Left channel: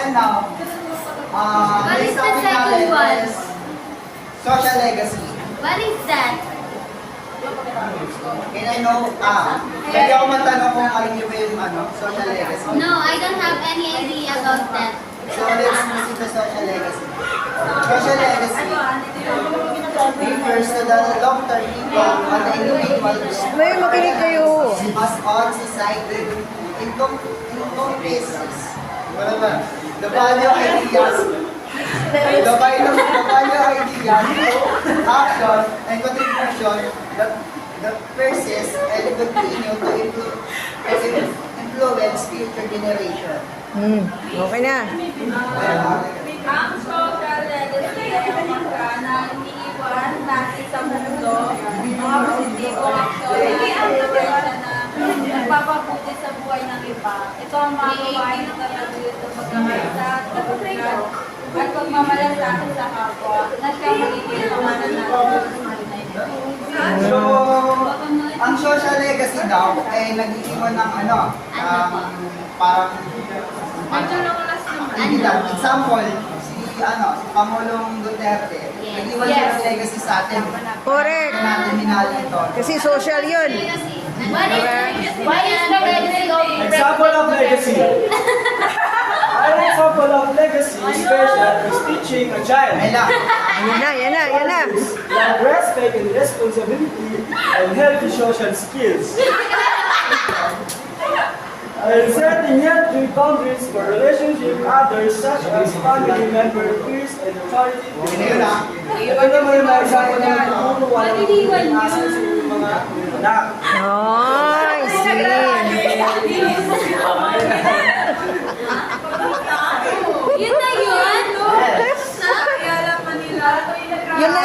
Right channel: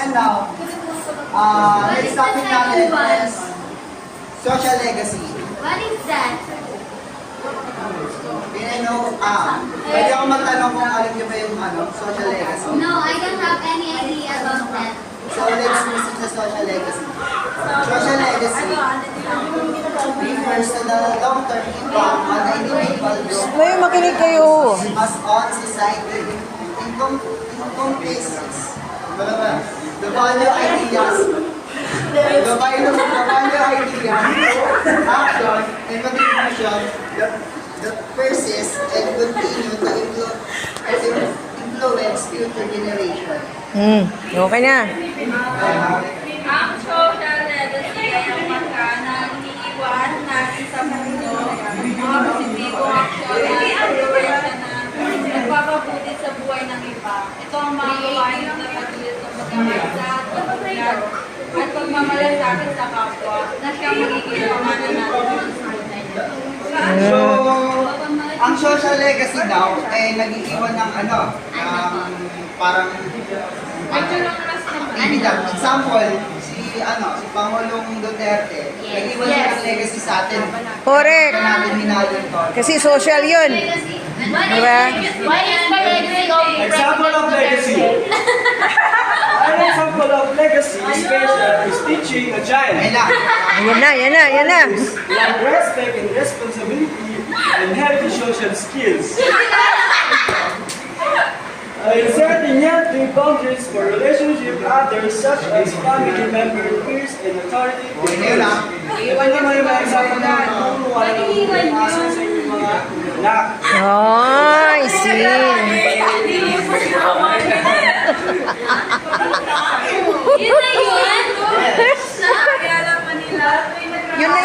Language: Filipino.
And now, What next is the topic second natin one? is social legacy. What is that? And I know, pwede ako matanong kung alam niyo ba yung social legacy. No, I don't have any idea about that. So let's listen to social legacy. Social legacy refers to the long-term impact on the individuals May makinig kayo. as on society. In cases, the value ideas, the value ideas, action, and contribution that persist and continue to influence future generation. Okay na. Ang social legacy ay ang marka na iniiwan natin sa mundo mga positibong aksyon na nagpapabuti sa buhay ng iba. Ito ang mga gawain ng patuloy sa pagkakaisa at pagkakaroon at pagmamalasakit sa kapwa na siyang magiging pamanan natin sa buhay. So, ang social legacy daw ay nag-iwan ng parang example, si Pangulong Duterte, nag-iwan ng legacy sa atin. Correct. Na natin minahal ito. Kasi social yun. What is legacy? What is the legacy of Example of legacy. An example of legacy is teaching a child Yan na. like respect and responsibility and healthy social skills. Setting healthy boundaries for relationship with others such as family members, peers, and authority figures. Ito naman yung mga example ng tuturuan ng nasa sa inyong mga anak. Ay, see. Yun na yun! Sa Ayala, Manila. Yun na